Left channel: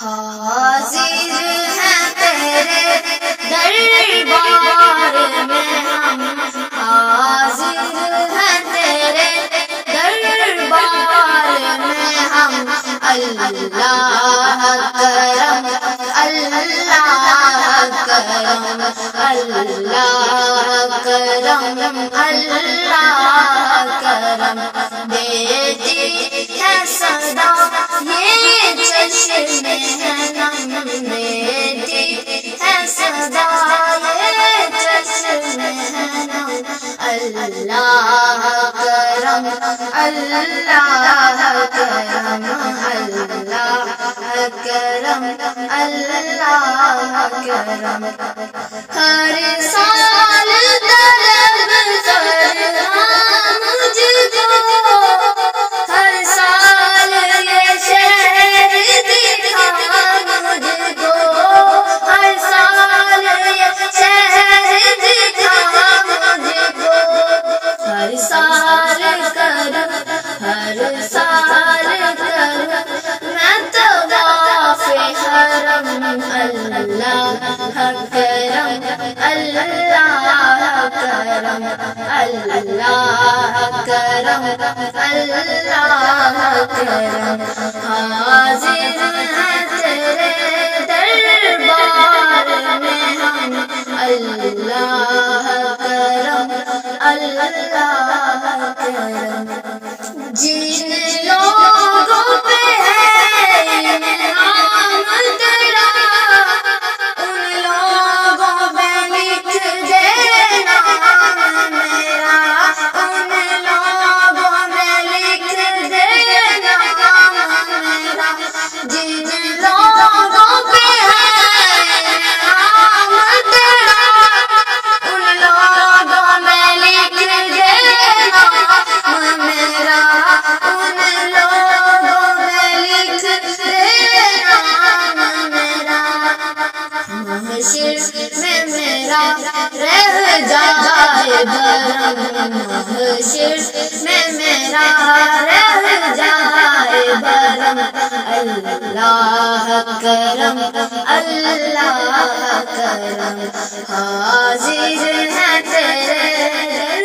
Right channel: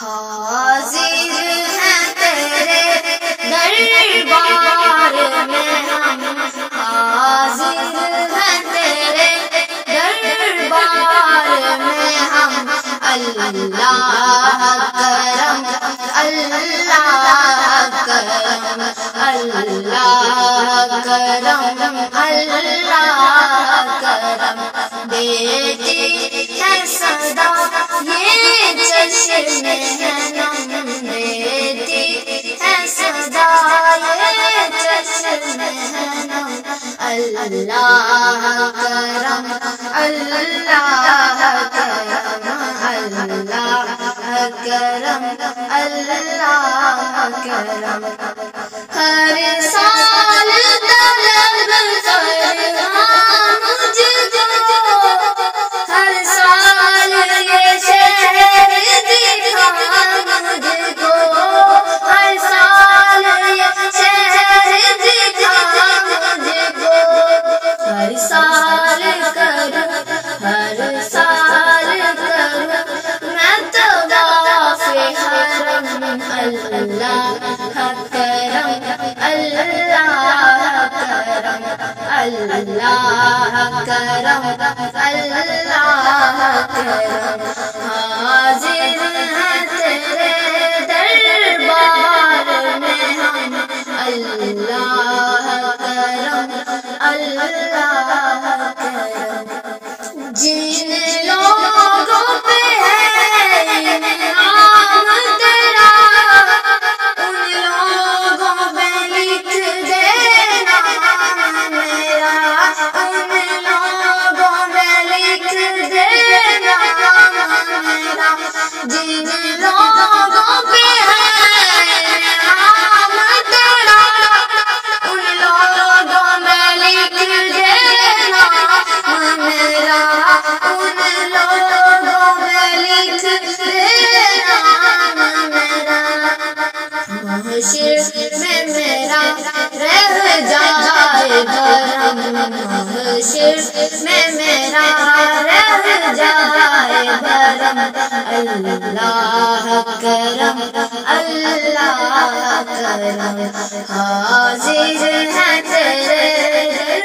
حاضر ہیں تیرے دربار میں ہم، حاضر ہیں تیرے دربار میں ہم، اللہ کرم اللہ کرم اللہ کرم اللہ کرم، دیتی ہے صدا یہ چشم نم، دیتی ہے صدا یہ چشم نم، اللہ کرم اللہ کرم اللہ کرم اللہ کرم، ہر سال طلب فرماں مجھ کو، ہر سال یہ شہر دکھا مجھ کو، ہر سال یہ شہر دکھا مجھ کو، ہر سال کروں ہر سال کروں میں طواف حرم، اللہ کرم اللہ کرم اللہ کرم اللہ کرم، حاضر ہیں تیرے دربار میں ہم، اللہ کرم اللہ کرم، جن لوگوں پہ ہے انعام تیرا ان لوگوں پہ لکھ دینا میرا، ان لوگوں میں لکھ دینا میرا، جن لوگوں پہ ہے انعام تیرا ان لوگوں میں لکھ دینا میرا، ان لوگوں میں لکھ دینا میرا، محشر میں میرا رہ جائے بھرم، محشر میں میرا رہ جائے بھرم، اللہ کرم اللہ کرم، حاضر ہیں تیرے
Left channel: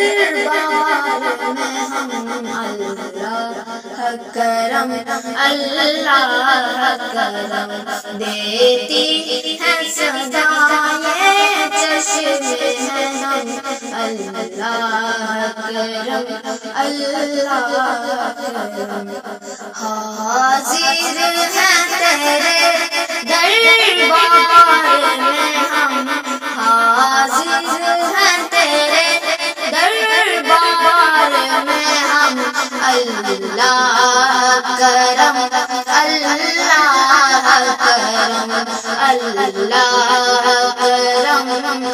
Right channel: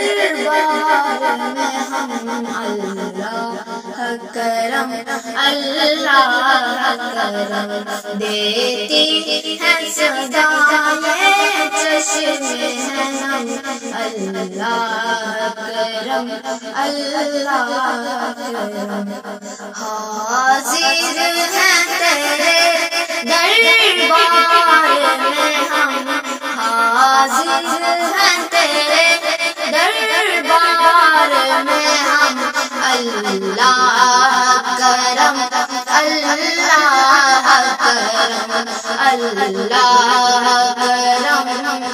دربار میں ہم، اللہ کرم اللہ کرم، دیتی ہے صدا یہ چشم نم، اللہ کرم اللہ کرم، حاضر ہیں تیرے دربار میں ہم، حاضر ہیں تیرے دربار میں ہم، اللہ کرم اللہ کرم اللہ کرم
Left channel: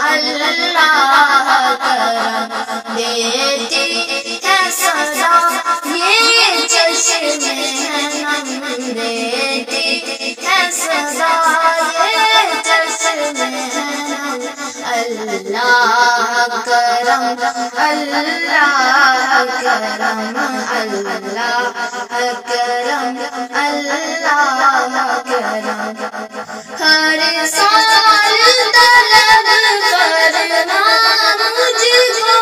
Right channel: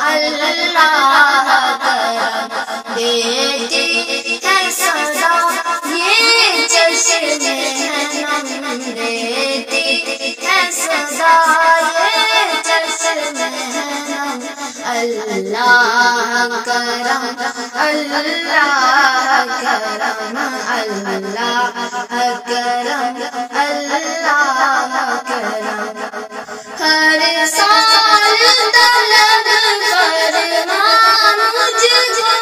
اللہ کرم، دیتی ہے صدا یہ چشم نم، دیتی ہے صدا یہ چشم نم، اللہ کرم اللہ کرم اللہ کرم اللہ کرم، ہر سال طلب فرماں مجھ کو،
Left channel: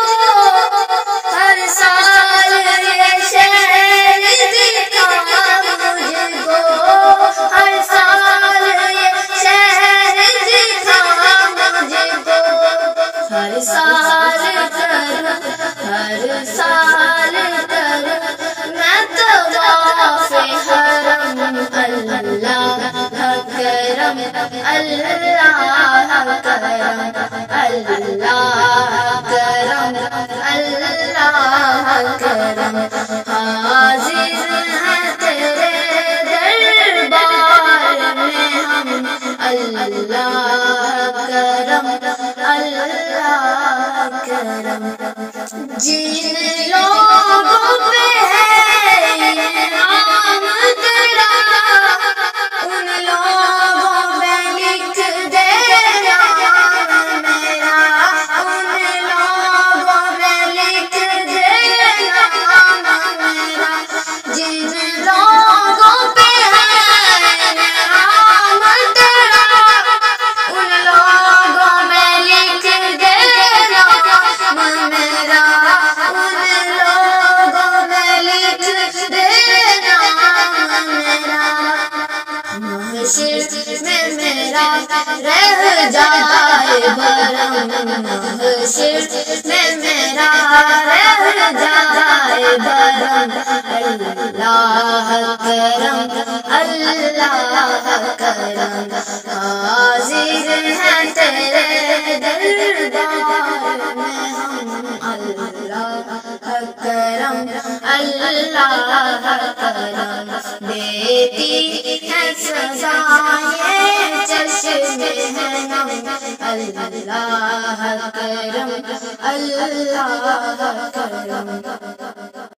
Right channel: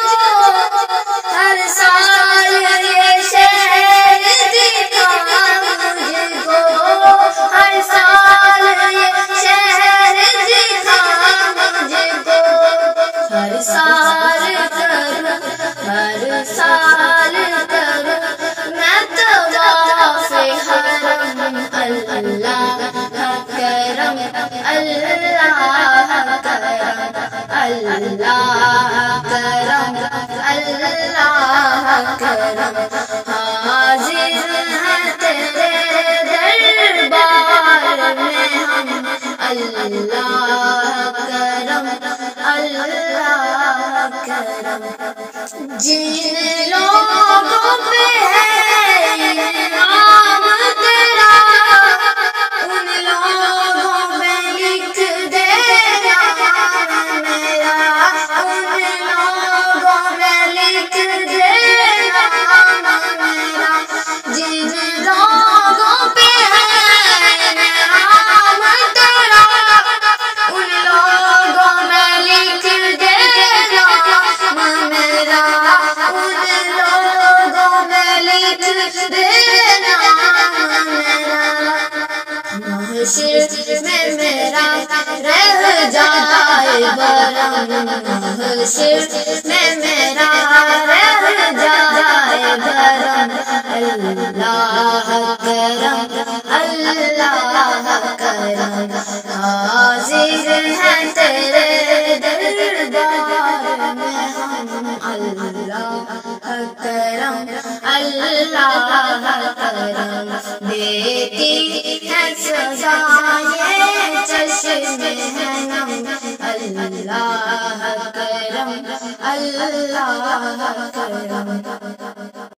ہر سال یہ شہر دکھا مجھ کو، ہر سال یہ شہر دکھا مجھ کو، ہر سال کروں ہر سال کروں میں طواف حرم، اللہ کرم اللہ کرم اللہ کرم اللہ کرم، حاضر ہیں تیرے دربار میں ہم، اللہ کرم اللہ کرم، جن لوگوں پہ ہے انعام تیرا ان لوگوں میں لکھ دینا میرا، ان لوگوں میں لکھ دینا میرا، جن لوگوں پہ ہے انعام محشر میں میرا رہ جائے برم، محشر میں میرا رہ جائے برم، اللہ کرم اللہ کرم، حاضر ہیں تیرے دربار میں ہم، اللہ کرم اللہ کرم، دیتی ہے سزائیں چشم ہے نم، اللہ کرم اللہ کرم۔